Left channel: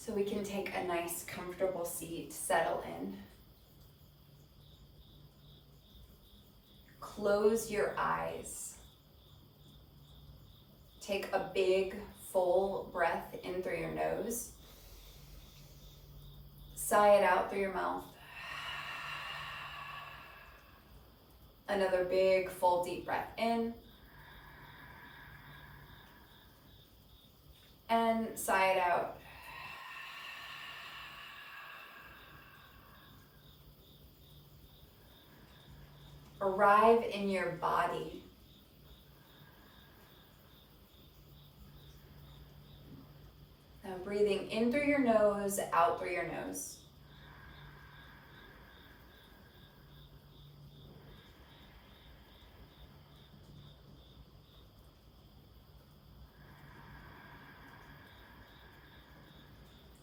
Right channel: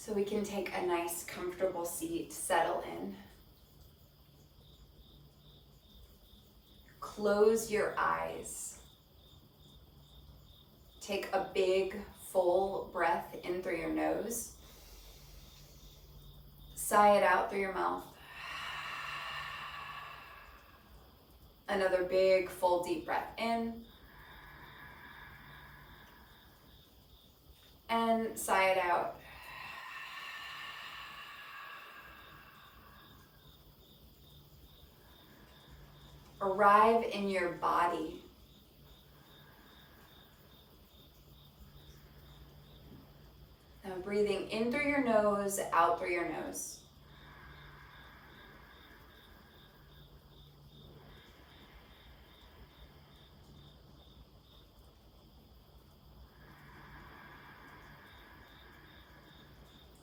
So we can take a nice, comfortable seat, settle in. Close your eyes. Take a big, full breath in through your nose. Sigh it out through your mouth. Another big, full, deep breath in. And sigh it out. Arrive in your body. Now breathing in through your nose, out through your nose.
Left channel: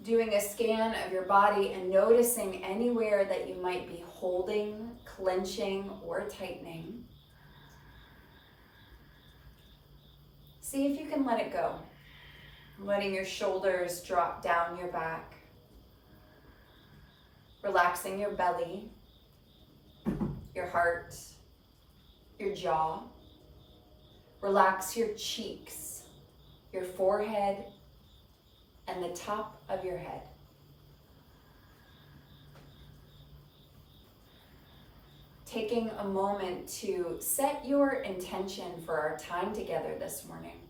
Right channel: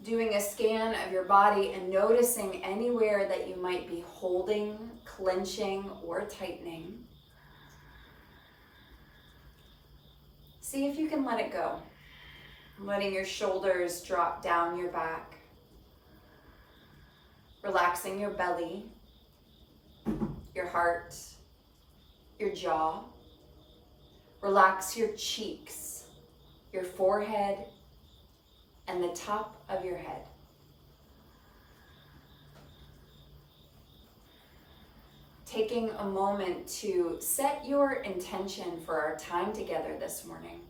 Doing a scan of your body and noticing anywhere that you might be holding, clenching, or tightening. See if you can let it go. Letting your shoulders drop down your back. Relaxing your belly, your heart, your jaw. Relax your cheeks, your forehead, and the top of your head. Taking a moment to set your intention for our time together this morning.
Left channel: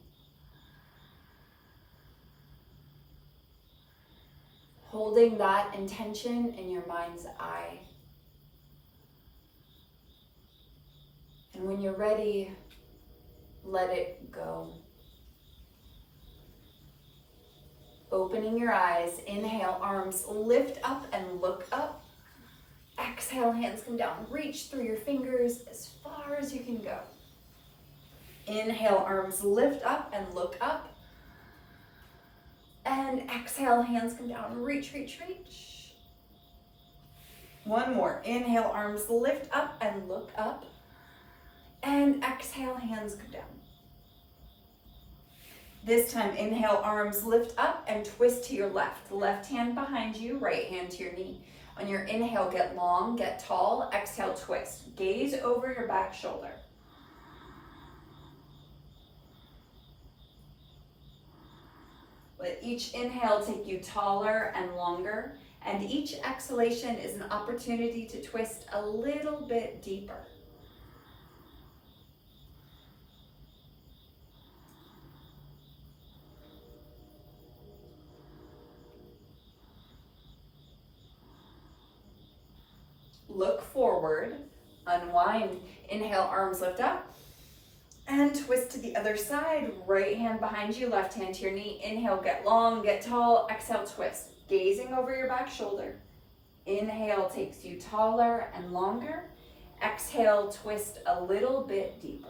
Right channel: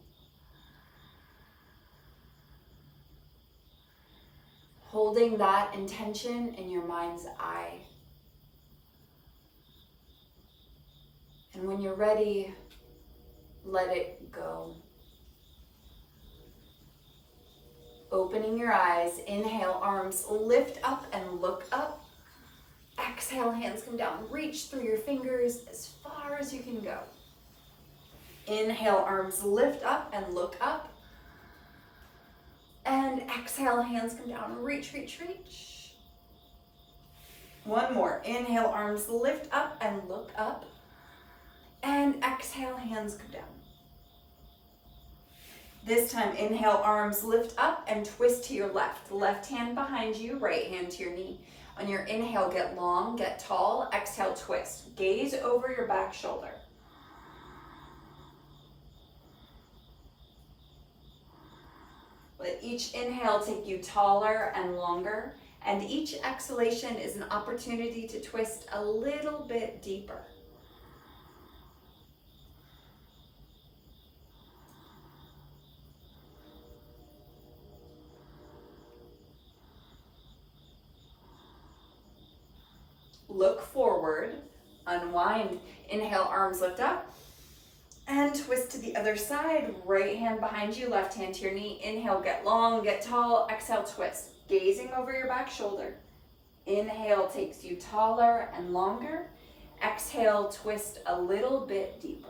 Holding that intention in your mind's eye. And when you're ready, let it go. Opening your eyes, inhale, arms lift up and look up. Exhale, hands come down. Reach through your fingers as far as you can go. Inhale, arms lift up and look up. And exhale, hands come down. Reach, reach, reach. One more. Inhale, arms lift up and look up. And exhale, hands come down. This time, inhale, arms lift up and twist to your left. Left hand behind you, right hand to your knee. On your inhale, get long, get tall. Exhale, twist. Gaze over your back shoulder. Let each inhale take you taller and longer, and each exhalation is an opportunity to twist a little bit deeper. Look forward, unwind, inhale, arms lift up, and twist to the other side. Right hand behind you, left hand to your knee. Inhale, get long, get tall. Exhale, twist. Gazing over your back shoulder. Inhale takes you taller and longer. Exhale, twist a little bit deeper.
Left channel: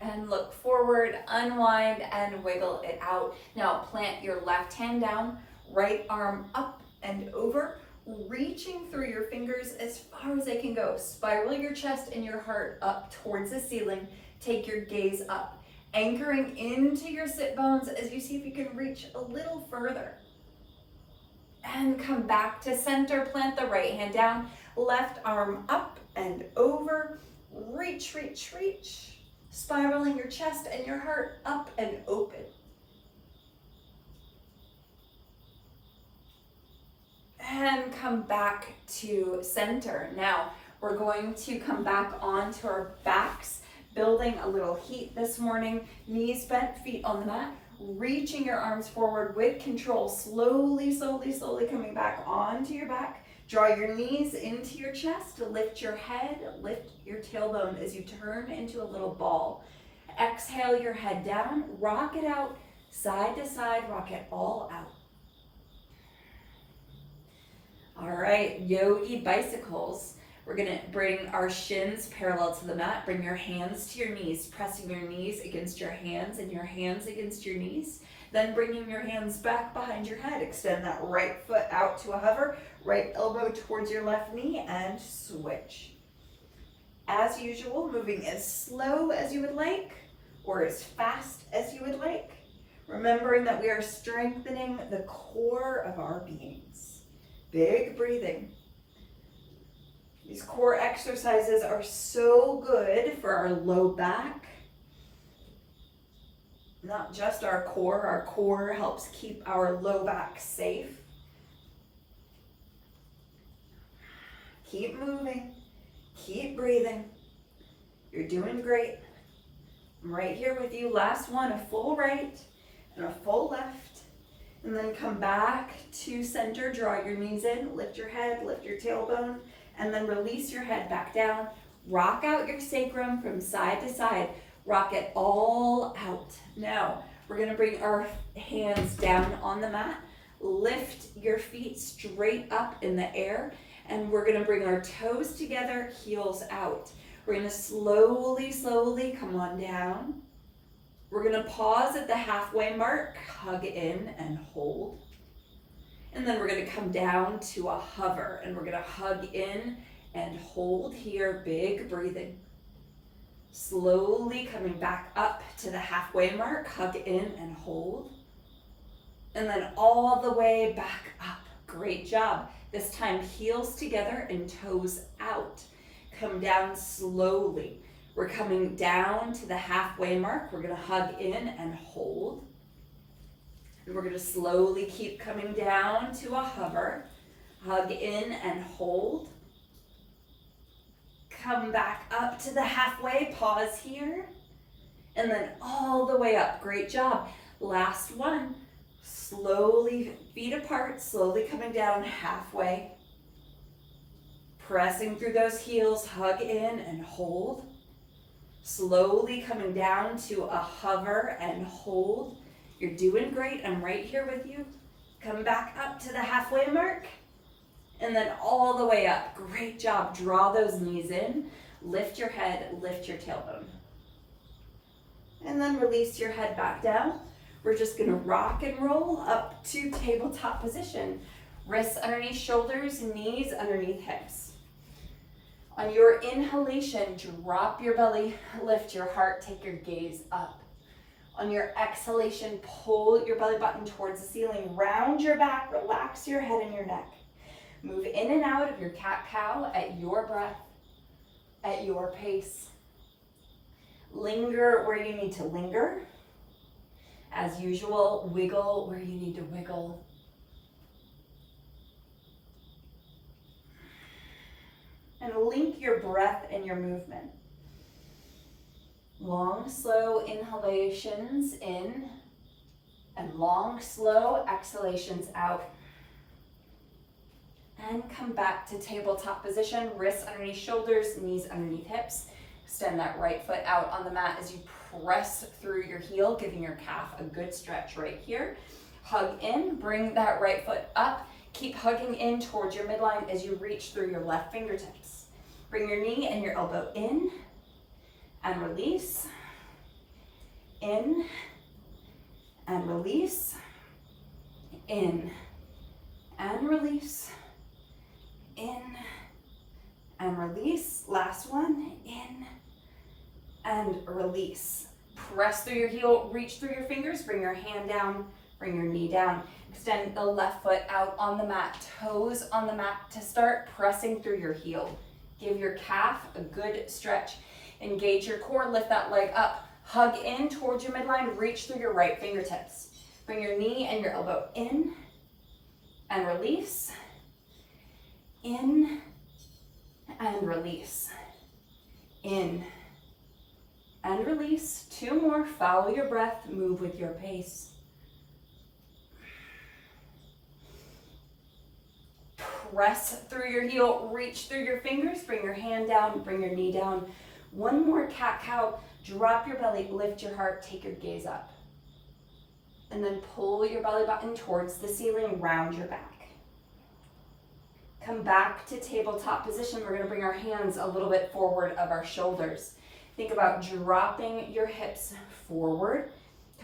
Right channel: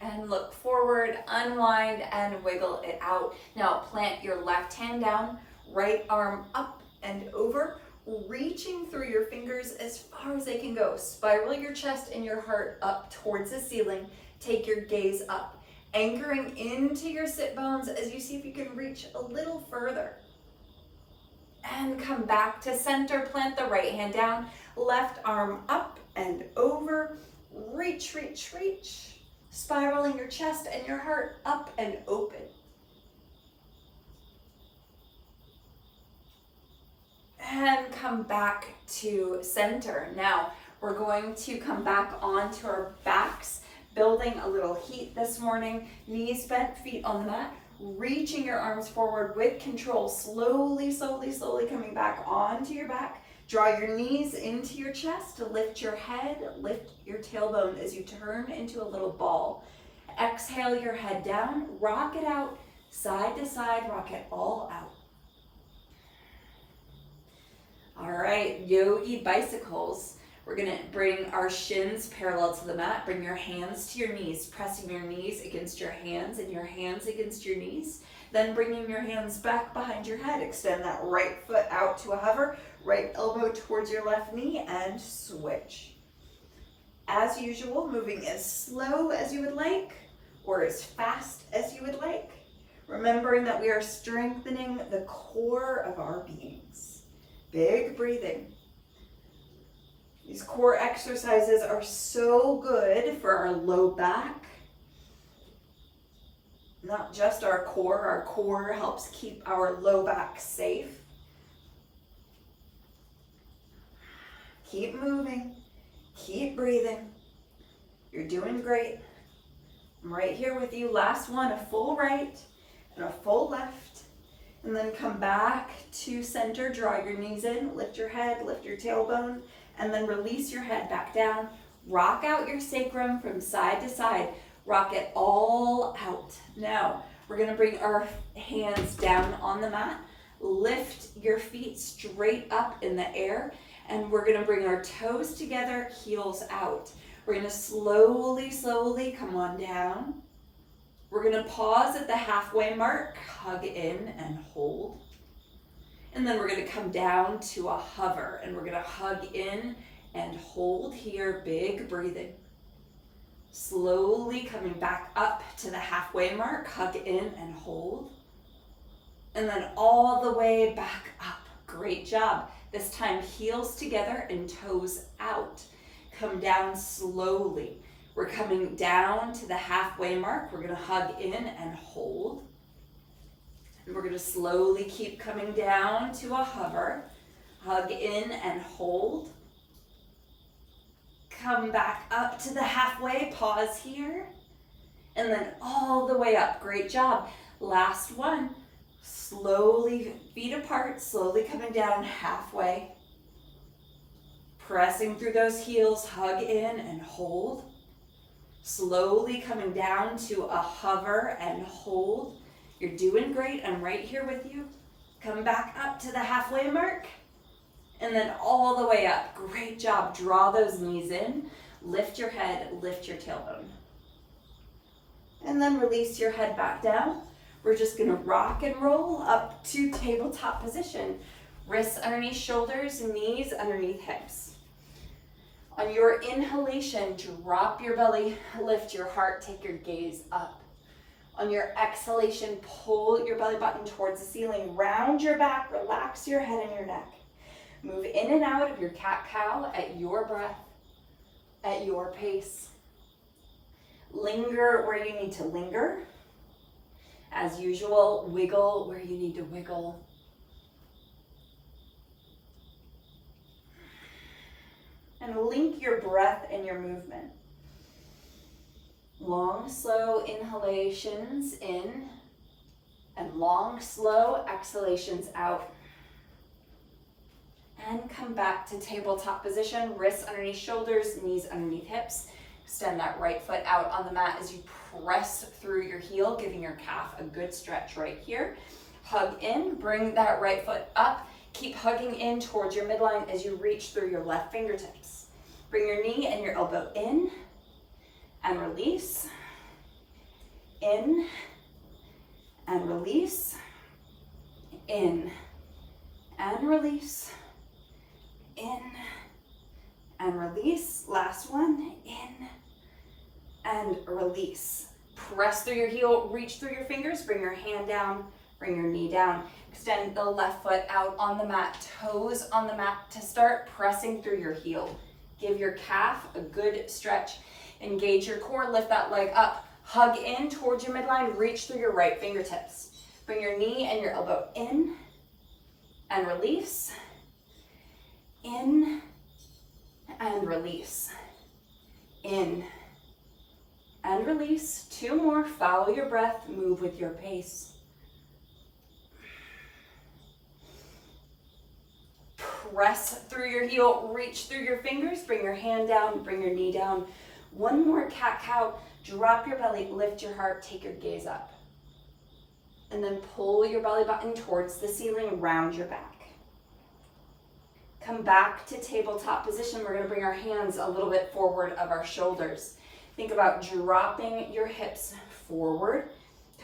And look forward, unwind, and wiggle it out. Now plant your left hand down, right arm up and over, reaching through your fingers as far as they can go. Spiral your chest and your heart up towards the ceiling. Take your gaze up, anchoring into your sit bones as you see if you can reach a little further. And come back to center, plant the right hand down, left arm up and over, reach, reach, reach. Spiraling your chest and your heart up and open. And come back to center. Now we're going to come back onto our backs, building a little heat this morning. Knees bent, feet on the mat. Reaching your arms forward with control. Slowly, slowly, slowly coming back onto your back. Draw your knees into your chest, lift your head, lift your tailbone as you turn into a little ball. Exhale your head down, rock it out, side to side, rock it all out. All right, yogi bicycles. We're gonna bring our shins parallel to the mat, bring your hands to your knees, pressing your knees against your hands and your hands against your knees. Then bringing your hands back behind your head, extend that right foot out to a hover, right elbow towards your left knee, and switch. As usual, moving as slow as you would like, or as fast as you would like, remembering that we are strengthening the core of our beings. Big breathing. These core exercises are so good for our low back. Not just our core helps keep our low back safe. Keep moving, keep breathing. You're doing great. I'm right here with you. Last one, a full right and a full left. And then come back to center, draw your knees in, lift your head, lift your tailbone, and then release your head back down. Rock out your sacrum from side to side. Rock it all out. Now, we're gonna bring our hands down on the mat. Lift your feet straight up in the air, and we're gonna bring our toes together, heels out. We're gonna slowly come on down. We're gonna pause at the halfway mark, hug in and hold. And then we're gonna come down to a hover, and we're gonna hug in and hold here, big breathing. Slowly coming back up to the halfway mark, hug in and hold. And then all the way back up. Great job. This time heels together and toes out. Come down slowly. We're coming down to the halfway mark. We're gonna hug in and hold. And we're gonna slowly keep coming down to a hover. Hug in and hold. Come back up to the halfway, pause here. And then all the way up, great job. Last one, slowly feet apart, slowly coming down halfway. Pressing through those heels, hug in and hold. Slowly coming down to a hover and hold. You're doing great, I'm right here with you. Come back up to the halfway mark. And then all the way up, great job. Draw those knees in, lift your head, lift your tailbone. And then release your head back down. We're just gonna rock and roll up to tabletop position. Wrists underneath shoulders, knees underneath hips. On your inhalation, drop your belly, lift your heart, take your gaze up. On your exhalation, pull your belly button towards the ceiling, round your back, relax your head and your neck. Move in and out of your cat-cow at your breath, at your pace. Linger where you need to linger. As usual, wiggle where you need to wiggle. And link your breath and your movement. Long, slow inhalations in, and long, slow exhalations out. And come back to tabletop position, wrists underneath shoulders, knees underneath hips. Extend that right foot out on the mat as you press through your heel, giving your calf a good stretch right here. Hug in, bring that right foot up. Keep hugging in towards your midline as you reach through your left fingertips. Bring your knee and your elbow in and release. In and release. In and release. In and release. Last one. In and release. Press through your heel, reach through your fingers, bring your hand down, bring your knee down. Extend the left foot out on the mat, toes on the mat to start, pressing through your heel. Give your calf a good stretch. Engage your core, lift that leg up. Hug in towards your midline, reach through your right fingertips. Bring your knee and your elbow in and release. In and release. In and release. Two more. Follow your breath. Move with your pace. Press through your heel. Reach through your fingers. Bring your hand down. Bring your knee down. One more cat-cow. Drop your belly. Lift your heart. Take your gaze up. And then pull your belly button towards the ceiling. Round your back. Come back to tabletop position. We're going to bring our hands a little bit forward of our shoulders. Think about dropping your hips forward.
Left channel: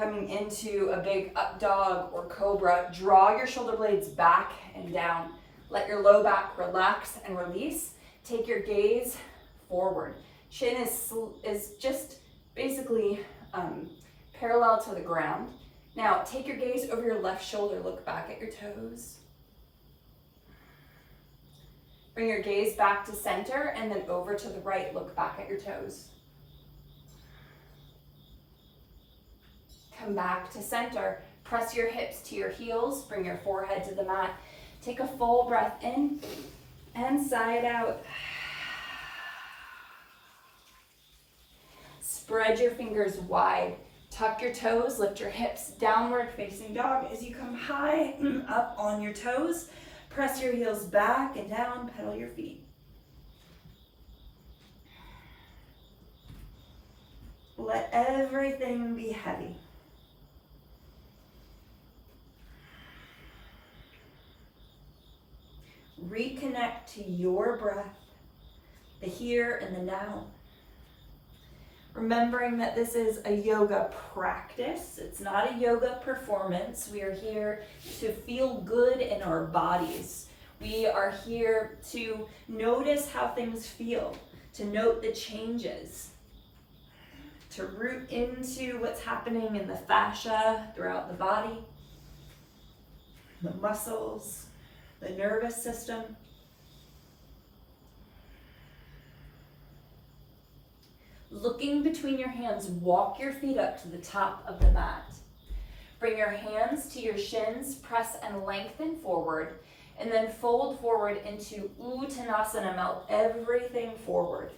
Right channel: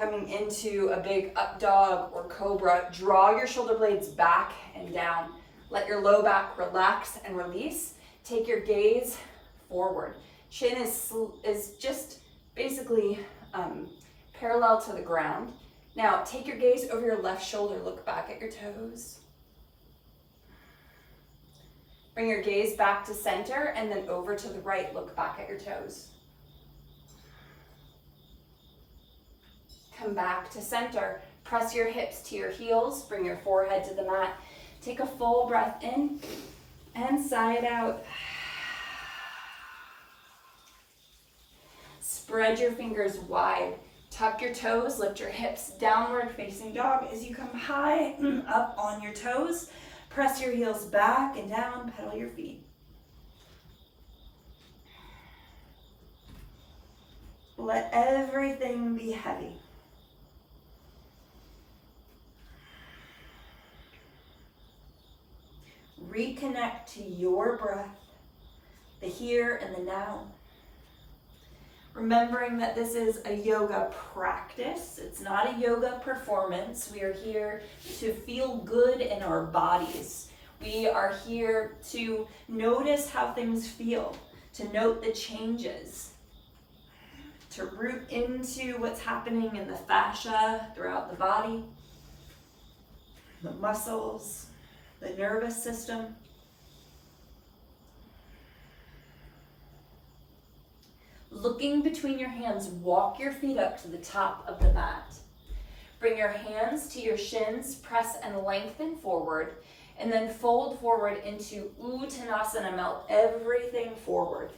Coming into a big up dog or cobra, draw your shoulder blades back and down. Let your low back relax and release. Take your gaze forward. Chin is just basically parallel to the ground. Now take your gaze over your left shoulder, look back at your toes. Bring your gaze back to center and then over to the right, look back at your toes. Come back to center, press your hips to your heels, bring your forehead to the mat. Take a full breath in and sigh it out. Spread your fingers wide. Tuck your toes, lift your hips, downward facing dog as you come high up on your toes. Press your heels back and down, pedal your feet. Let everything be heavy. Reconnect to your breath, the here and the now. Remembering that this is a yoga practice, it's not a yoga performance. We are here to feel good in our bodies. We are here to notice how things feel, to note the changes, to root into what's happening in the fascia throughout the body, the muscles, the nervous system. Looking between your hands, walk your feet up to the top of the mat. Bring your hands to your shins, press and lengthen forward, and then fold forward into Uttanasana, melt everything forward.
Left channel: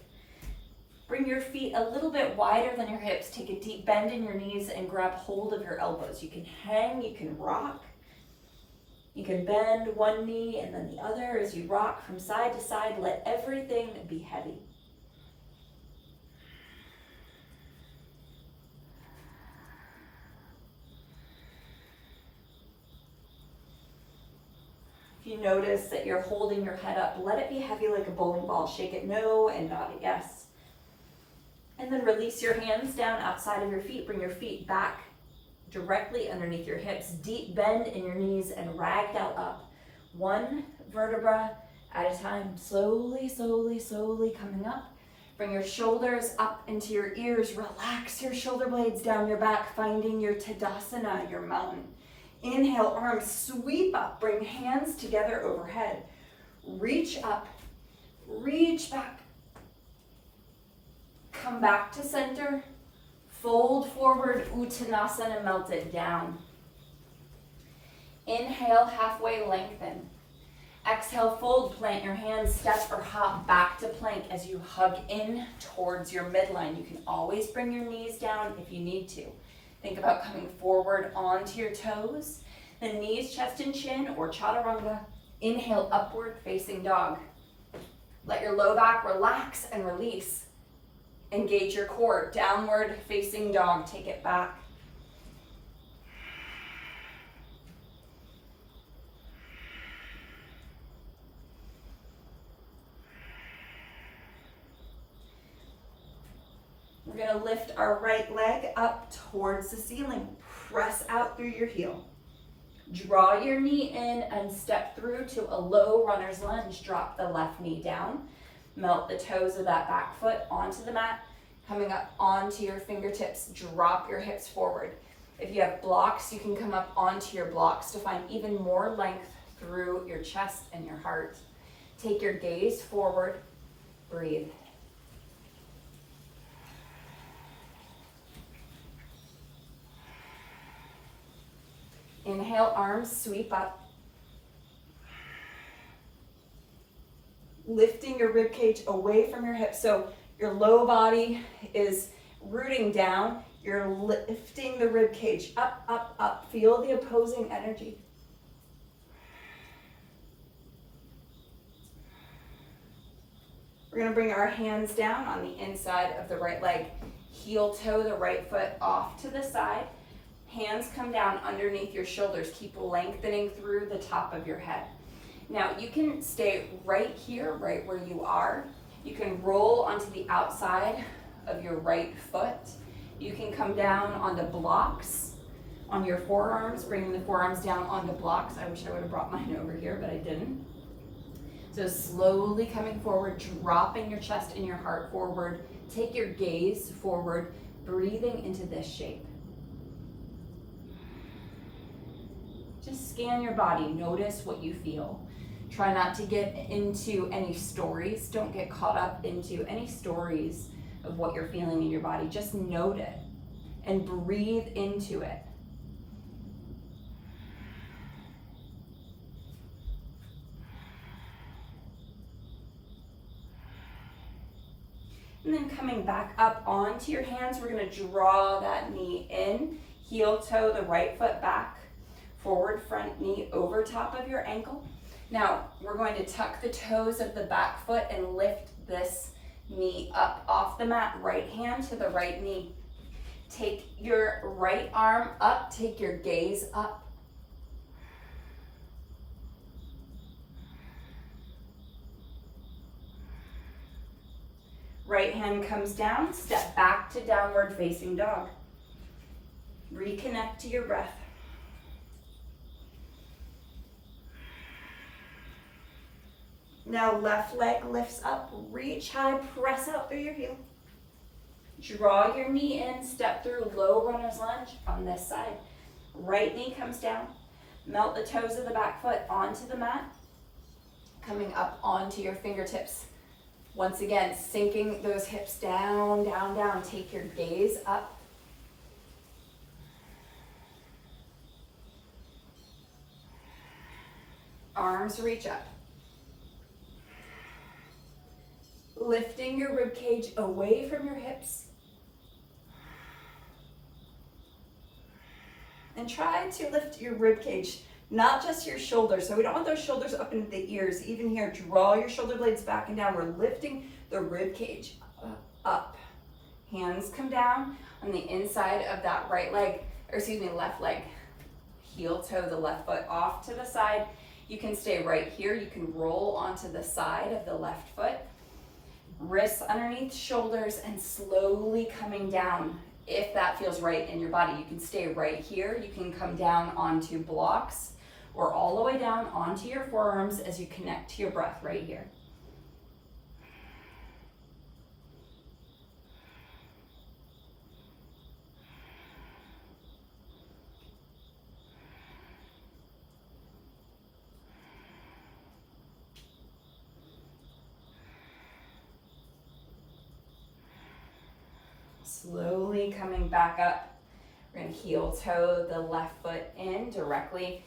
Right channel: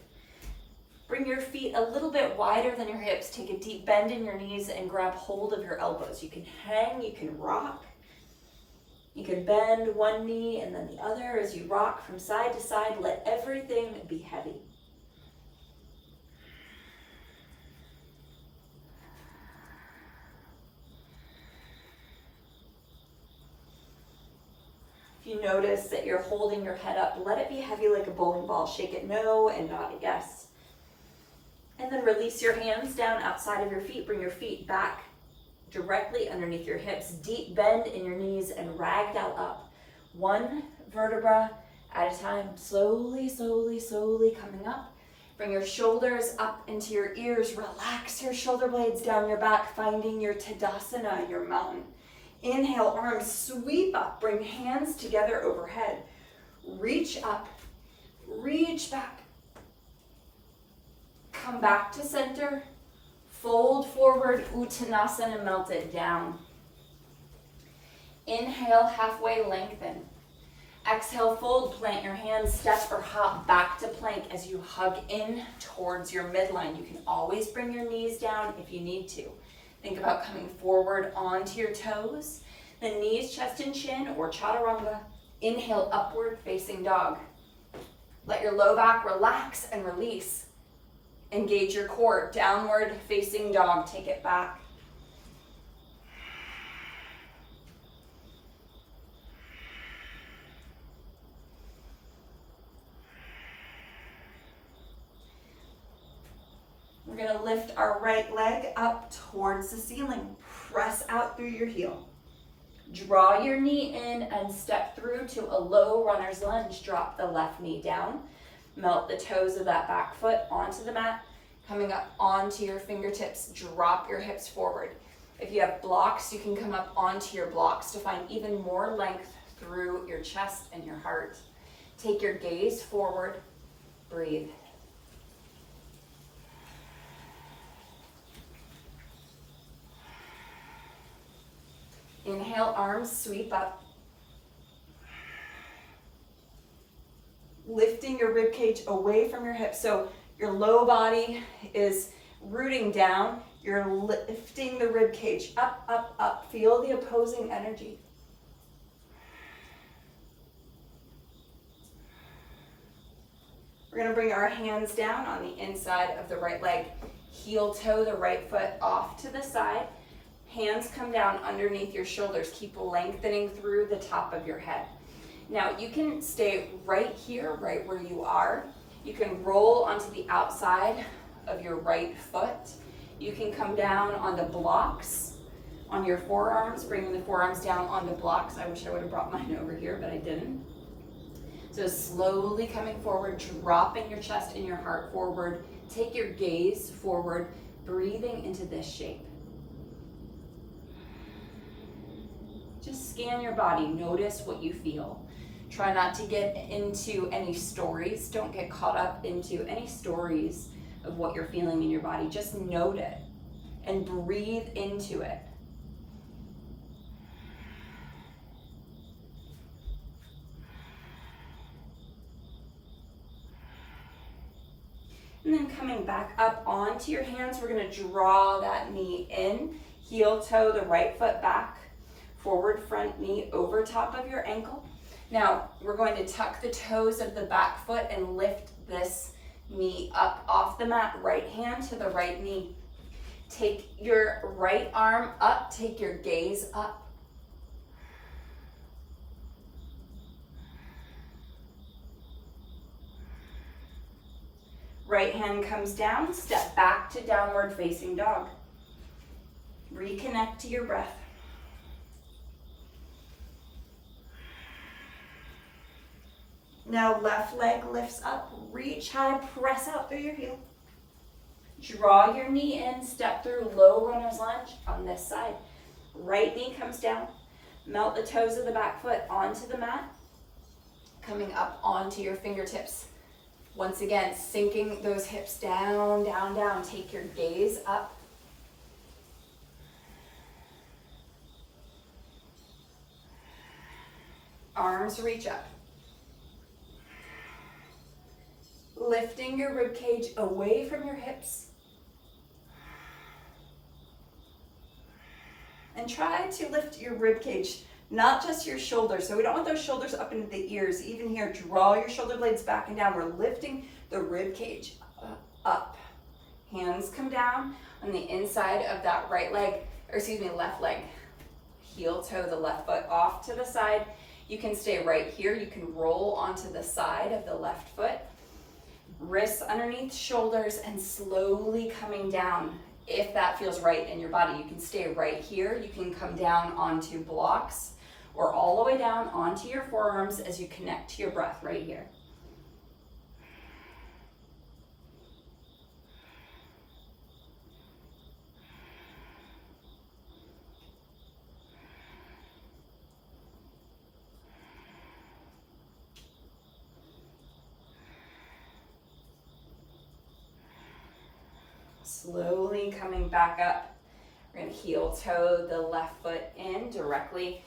Bring your feet a little bit wider than your hips. Take a deep bend in your knees and grab hold of your elbows. You can hang, you can rock. You can bend one knee and then the other as you rock from side to side. Let everything be heavy. If you notice that you're holding your head up, let it be heavy like a bowling ball. Shake it no and nod it yes. And then release your hands down outside of your feet. Bring your feet back directly underneath your hips. Deep bend in your knees and ragdoll up. One vertebra at a time. Slowly, slowly, slowly coming up. Bring your shoulders up into your ears. Relax your shoulder blades down your back, finding your Tadasana, your mountain. Inhale, arms sweep up. Bring hands together overhead. Reach up, reach back. Come back to center. Fold forward, Uttanasana, melt it down. Inhale, halfway lengthen. Exhale, fold, plant your hands, step or hop back to plank as you hug in towards your midline. You can always bring your knees down if you need to. Think about coming forward onto your toes, then knees, chest and chin, or chaturanga. Inhale, upward facing dog. Let your low back relax and release. Engage your core, downward facing dog, take it back. We're gonna lift our right leg up towards the ceiling. Press out through your heel. Draw your knee in and step through to a low runner's lunge. Drop the left knee down. Melt the toes of that back foot onto the mat. Coming up onto your fingertips, drop your hips forward. If you have blocks, you can come up onto your blocks to find even more length through your chest and your heart. Take your gaze forward, breathe. Inhale, arms sweep up. Lifting your rib cage away from your hips. So your low body is rooting down. You're lifting the rib cage up, up, up. Feel the opposing energy. We're gonna bring our hands down on the inside of the right leg. Heel toe the right foot off to the side. Hands come down underneath your shoulders. Keep lengthening through the top of your head. Now you can stay right here, right where you are. You can roll onto the outside of your right foot. You can come down on the blocks on your forearms, bringing the forearms down on the blocks. I wish I would have brought mine over here, but I didn't. So slowly coming forward, dropping your chest and your heart forward. Take your gaze forward, breathing into this shape. Just scan your body, notice what you feel. Try not to get into any stories. Don't get caught up into any stories of what you're feeling in your body. Just note it and breathe into it. And then coming back up onto your hands, we're gonna draw that knee in, heel toe the right foot back, forward front knee over top of your ankle. Now, we're going to tuck the toes of the back foot and lift this knee up off the mat, right hand to the right knee. Take your right arm up, take your gaze up. Right hand comes down, step back to downward facing dog. Reconnect to your breath. Now left leg lifts up, reach high, press out through your heel. Draw your knee in, step through low runner's lunge on this side. Right knee comes down, melt the toes of the back foot onto the mat, coming up onto your fingertips. Once again, sinking those hips down, down, down. Take your gaze up. Arms reach up. Lifting your rib cage away from your hips. And try to lift your rib cage, not just your shoulders. So we don't want those shoulders up into the ears. Even here, draw your shoulder blades back and down. We're lifting the rib cage up. Hands come down on the inside of that right leg, or excuse me, left leg. Heel toe the left foot off to the side. You can stay right here. You can roll onto the side of the left foot. Wrists underneath shoulders and slowly coming down. If that feels right in your body, you can stay right here. You can come down onto blocks or all the way down onto your forearms as you connect to your breath right here. Slowly coming back up. We're gonna heel toe the left foot in directly,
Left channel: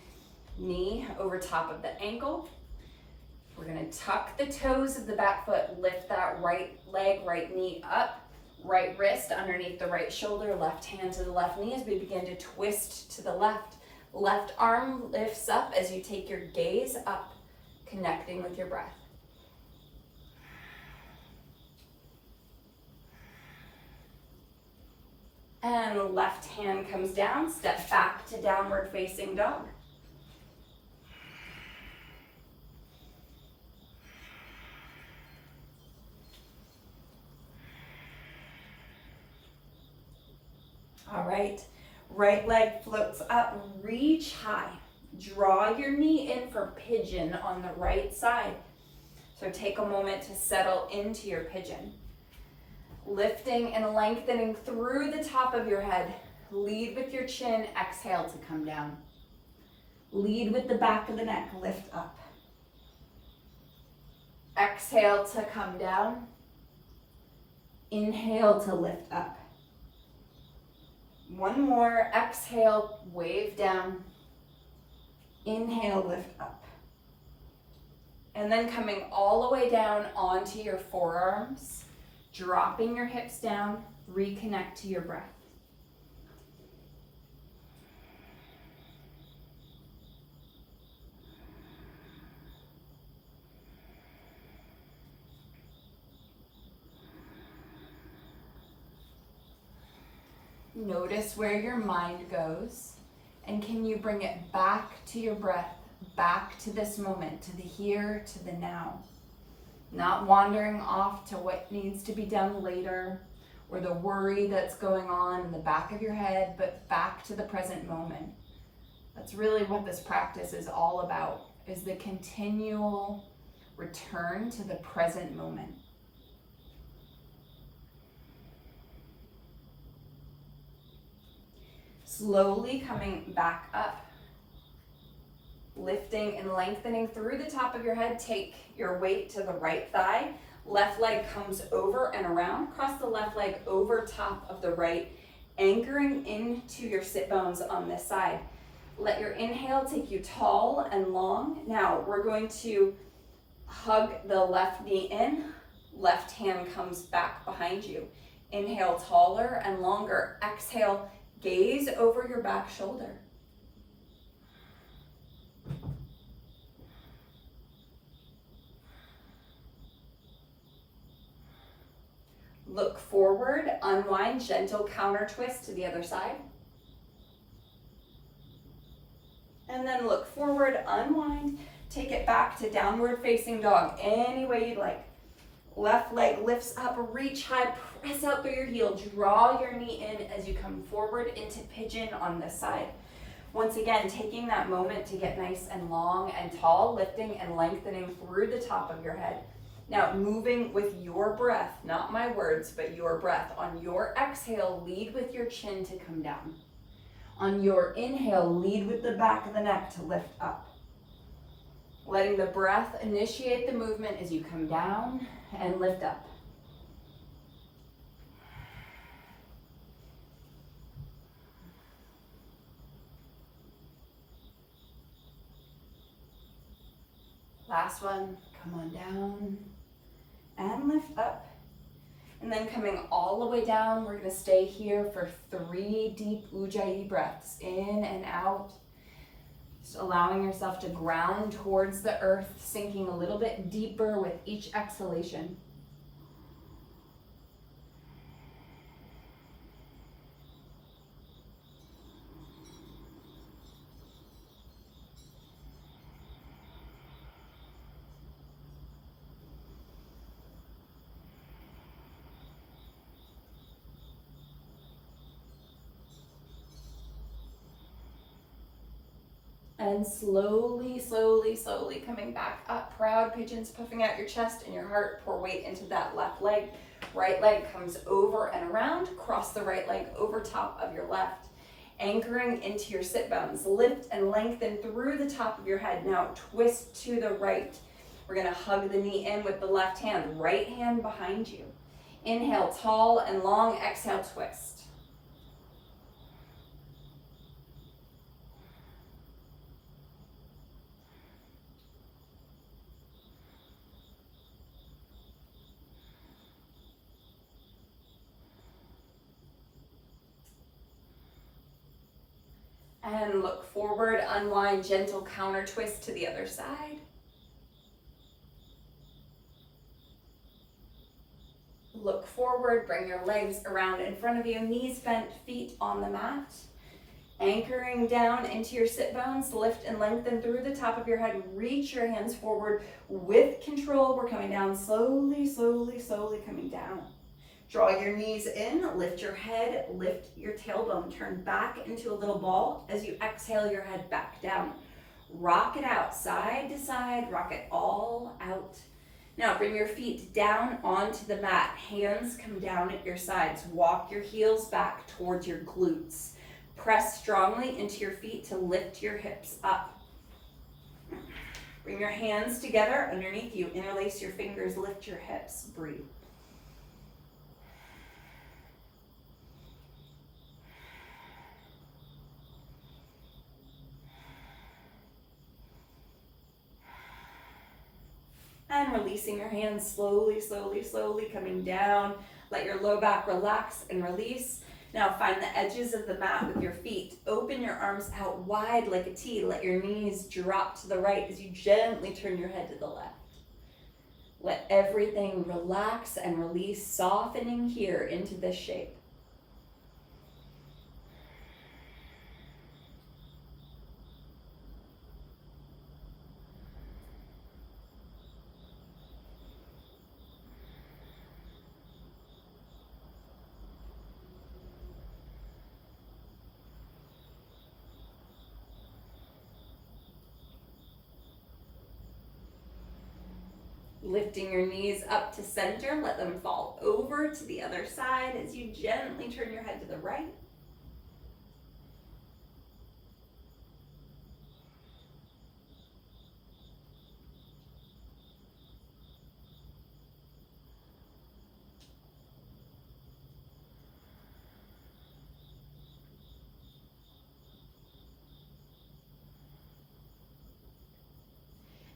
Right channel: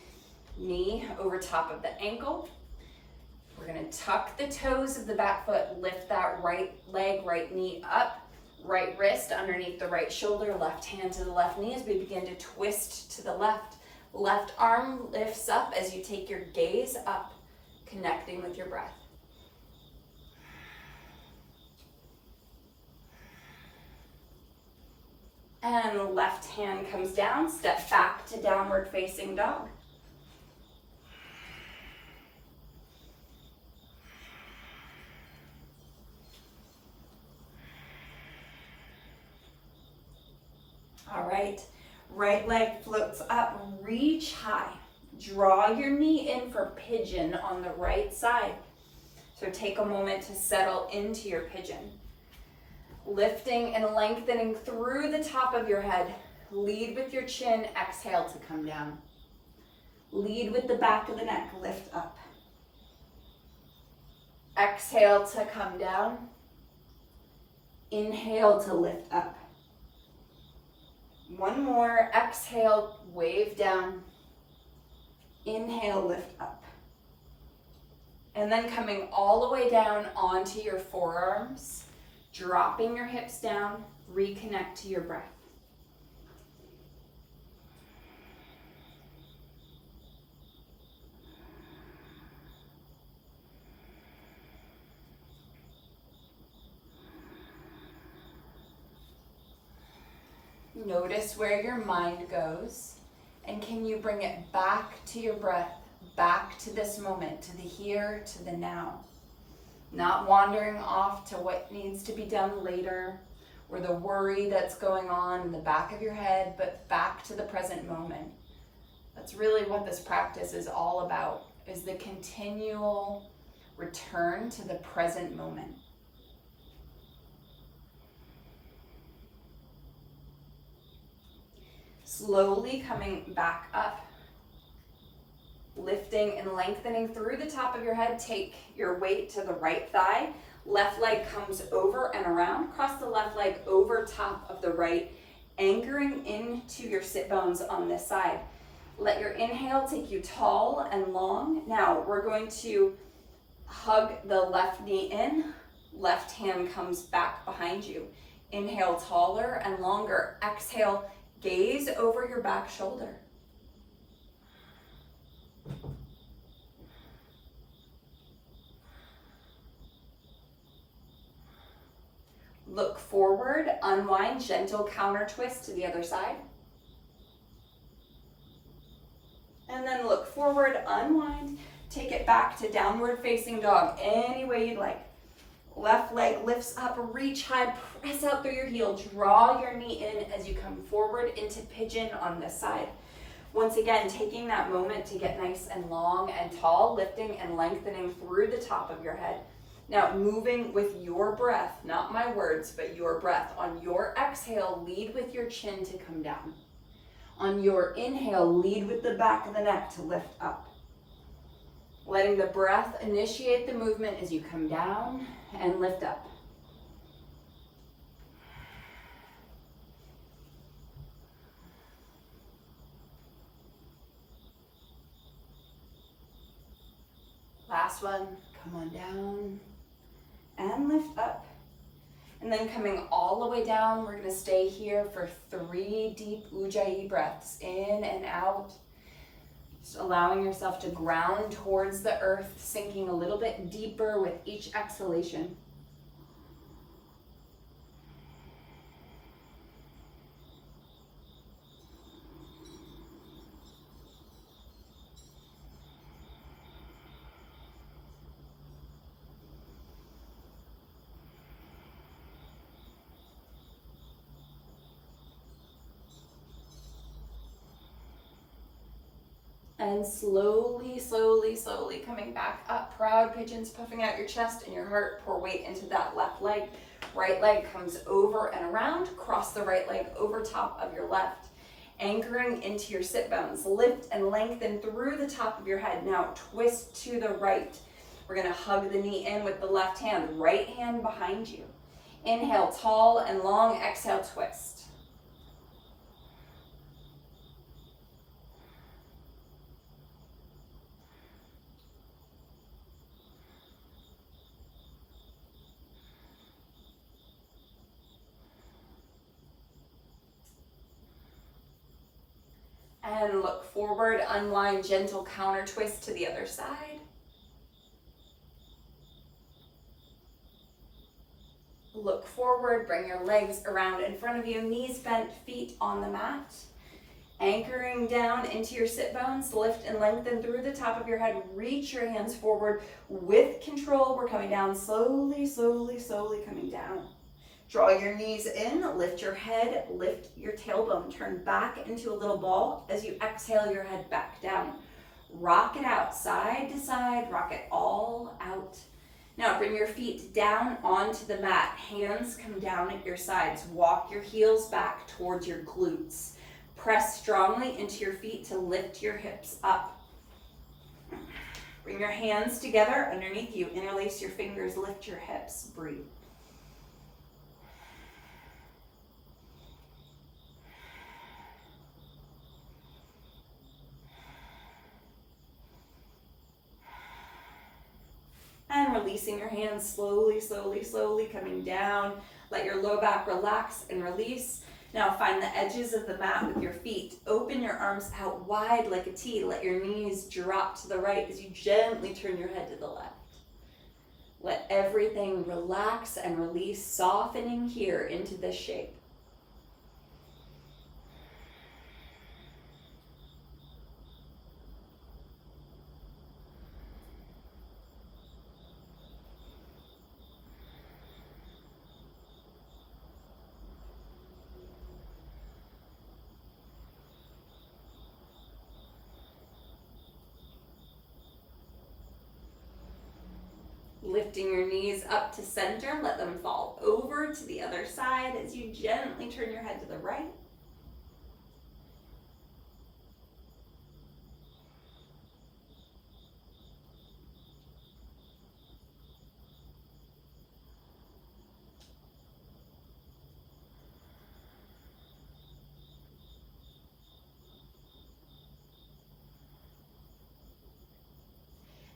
knee over top of the ankle. We're gonna tuck the toes of the back foot, lift that right leg, right knee up, right wrist underneath the right shoulder, left hand to the left knee as we begin to twist to the left. Left arm lifts up as you take your gaze up, connecting with your breath. And left hand comes down, step back to downward facing dog. All right, right leg floats up, reach high. Draw your knee in for pigeon on the right side. So take a moment to settle into your pigeon. Lifting and lengthening through the top of your head. Lead with your chin, exhale to come down. Lead with the back of the neck, lift up. Exhale to come down. Inhale to lift up. One more, exhale, wave down. Inhale, lift up. And then coming all the way down onto your forearms. Dropping your hips down, reconnect to your breath. Notice where your mind goes, and can you bring it back to your breath, back to this moment, to the here, to the now. Not wandering off to what needs to be done later or the worry that's going on in the back of your head, but back to the present moment. That's really what this practice is all about, is the continual return to the present moment. Slowly coming back up, lifting and lengthening through the top of your head. Take your weight to the right thigh. Left leg comes over and around. Cross the left leg over top of the right, anchoring into your sit bones on this side. Let your inhale take you tall and long. Now we're going to hug the left knee in. Left hand comes back behind you. Inhale taller and longer. Exhale, gaze over your back shoulder. Look forward, unwind, gentle counter twist to the other side. And then look forward, unwind, take it back to downward facing dog, any way you'd like. Left leg lifts up, reach high, press out through your heel, draw your knee in as you come forward into pigeon on this side. Once again, taking that moment to get nice and long and tall, lifting and lengthening through the top of your head. Now moving with your breath, not my words, but your breath. On your exhale, lead with your chin to come down. On your inhale, lead with the back of the neck to lift up. Letting the breath initiate the movement as you come down and lift up. Last one, come on down and lift up. And then coming all the way down, we're gonna stay here for 3 deep Ujjayi breaths, in and out. Just allowing yourself to ground towards the earth, sinking a little bit deeper with each exhalation. And slowly, slowly, slowly coming back up. Proud pigeons, puffing out your chest and your heart. Pour weight into that left leg. Right leg comes over and around. Cross the right leg over top of your left. Anchoring into your sit bones. Lift and lengthen through the top of your head. Now twist to the right. We're gonna hug the knee in with the left hand. Right hand behind you. Inhale, tall and long. Exhale, twist. And look forward, unwind, gentle counter twist to the other side. Look forward, bring your legs around in front of you, knees bent, feet on the mat. Anchoring down into your sit bones, lift and lengthen through the top of your head. Reach your hands forward with control. We're coming down slowly, slowly, slowly coming down. Draw your knees in, lift your head, lift your tailbone, turn back into a little ball as you exhale your head back down. Rock it out, side to side, rock it all out. Now bring your feet down onto the mat, hands come down at your sides, walk your heels back towards your glutes. Press strongly into your feet to lift your hips up. Bring your hands together underneath you, interlace your fingers, lift your hips, breathe. And releasing your hands slowly, slowly, slowly coming down. Let your low back relax and release. Now find the edges of the mat with your feet. Open your arms out wide like a T. Let your knees drop to the right as you gently turn your head to the left. Let everything relax and release, softening here into this shape. lifting your knees up to center. Let them fall over to the other side as you gently turn your head to the right.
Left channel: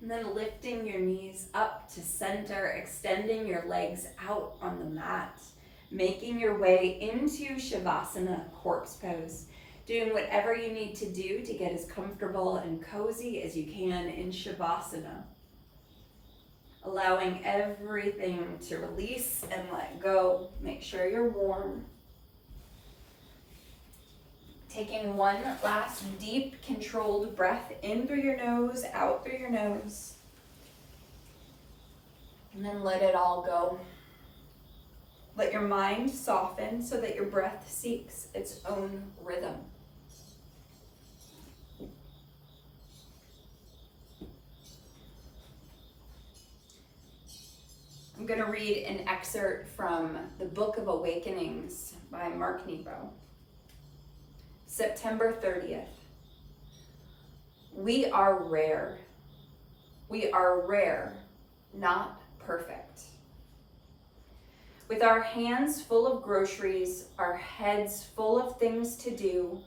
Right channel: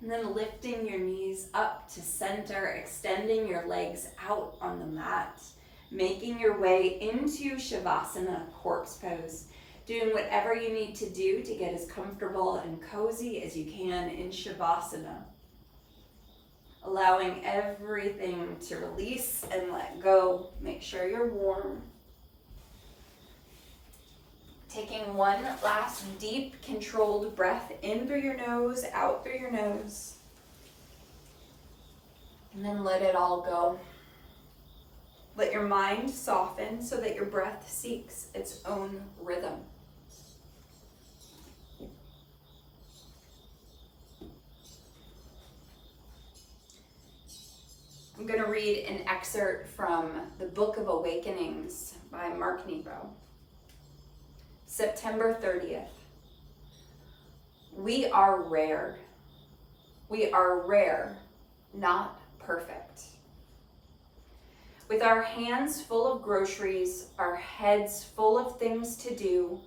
And then lifting your knees up to center, extending your legs out on the mat, making your way into Shavasana, corpse pose, doing whatever you need to do to get as comfortable and cozy as you can in Shavasana. Allowing everything to release and let go. Make sure you're warm. Taking one last deep, controlled breath in through your nose, out through your nose. And then let it all go. Let your mind soften so that your breath seeks its own rhythm. I'm going to read an excerpt from the Book of Awakenings by Mark Nepo. September 30th. We are rare. We are rare, not perfect. With our hands full of groceries, our heads full of things to do,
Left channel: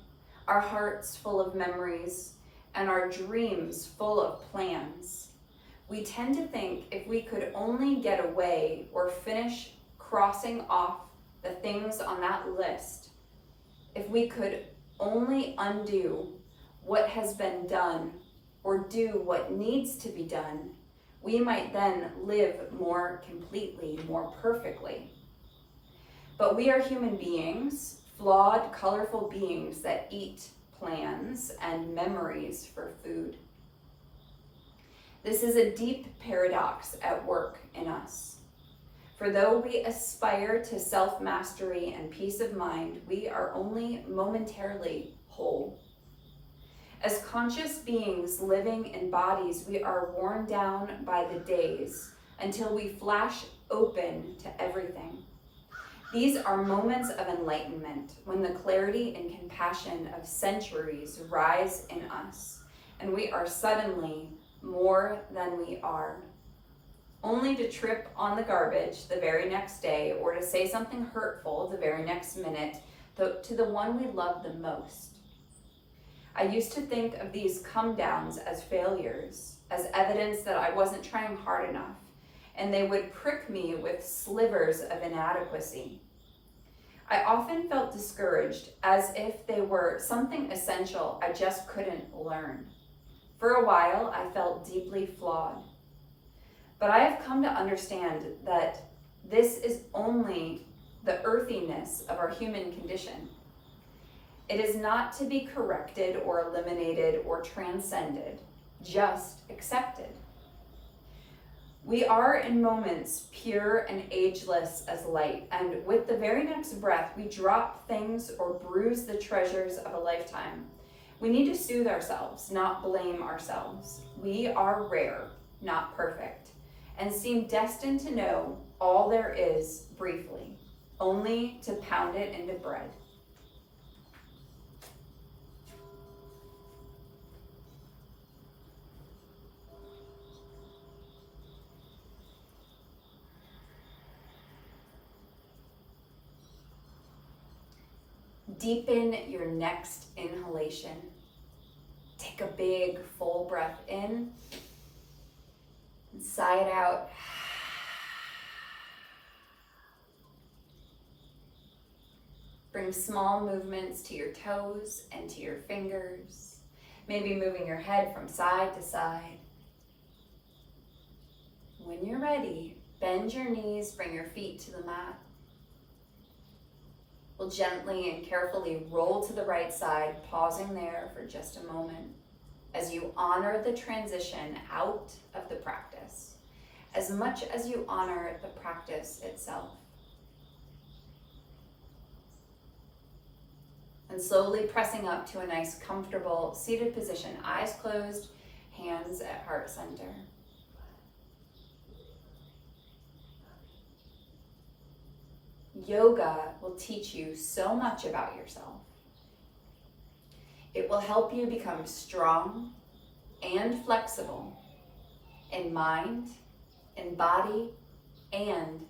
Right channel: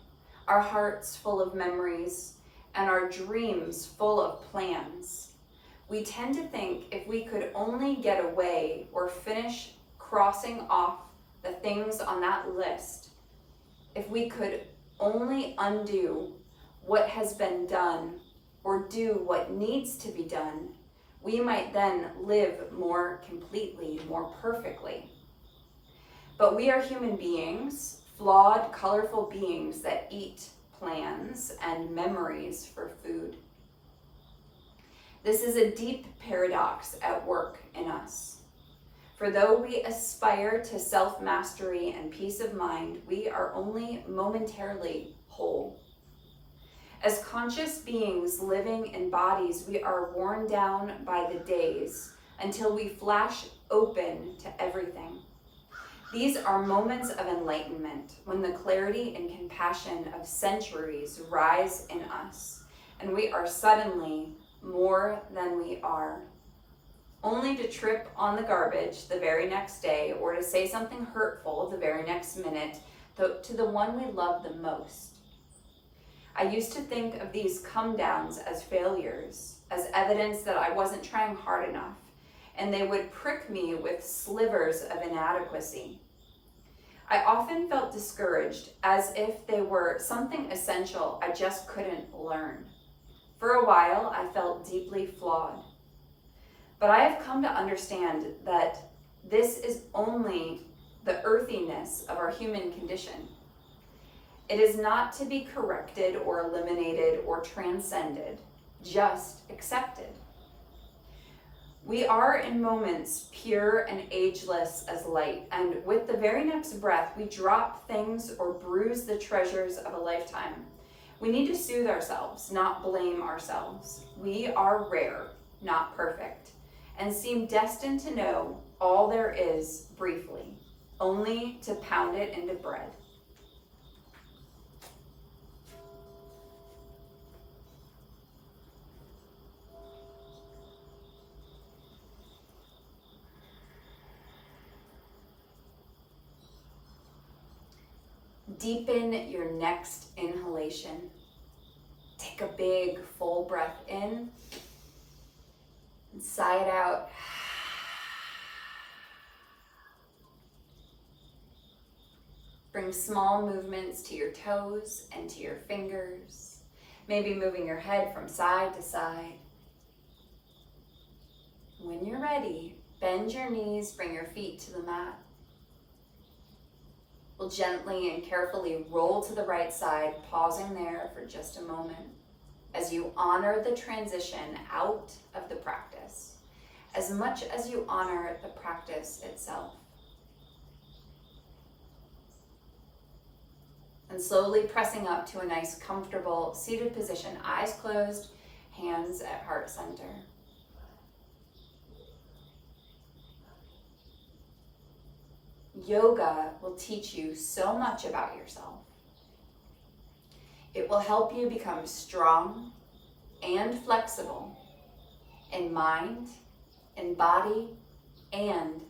our hearts full of memories, and our dreams full of plans, we tend to think if we could only get away or finish crossing off the things on that list, if we could only undo what has been done or do what needs to be done, we might then live more completely, more perfectly. But we are human beings, flawed, colorful beings that eat plans and memories for food. This is a deep paradox at work in us. For though we aspire to self-mastery and peace of mind, we are only momentarily whole. As conscious beings living in bodies, we are worn down by the days until we flash open to everything. These are moments of enlightenment when the clarity and compassion of centuries rise in us, and we are suddenly more than we are. Only to trip on the garbage the very next day or to say something hurtful the very next minute to the one we love the most. I used to think of these come downs as failures, as evidence that I wasn't trying hard enough, and they would prick me with slivers of inadequacy. I often felt discouraged, as if they were something essential I just couldn't learn. For a while, I felt deeply flawed. But I have come to understand that this is only the earthiness of our human condition. It is not to be corrected or eliminated or transcended, just accepted. We are in moments pure and ageless as light, and with the very next breath, we drop things or bruise the treasures of a lifetime. We need to soothe ourselves, not blame ourselves. We are rare, not perfect, and seem destined to know all there is briefly, only to pound it into bread. Deepen your next inhalation. Take a big, full breath in and sigh it out. Bring small movements to your toes and to your fingers, maybe moving your head from side to side. When you're ready, bend your knees, bring your feet to the mat. We'll gently and carefully roll to the right side, pausing there for just a moment as you honor the transition out of the practice, as much as you honor the practice itself. And slowly pressing up to a nice, comfortable seated position, eyes closed, hands at heart center. Yoga will teach you so much about yourself. It will help you become strong and flexible in mind, in body, and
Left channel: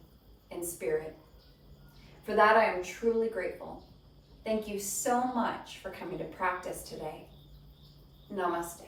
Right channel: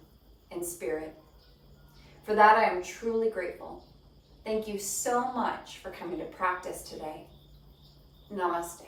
in spirit. For that, I am truly grateful. Thank you so much for coming to practice today. Namaste.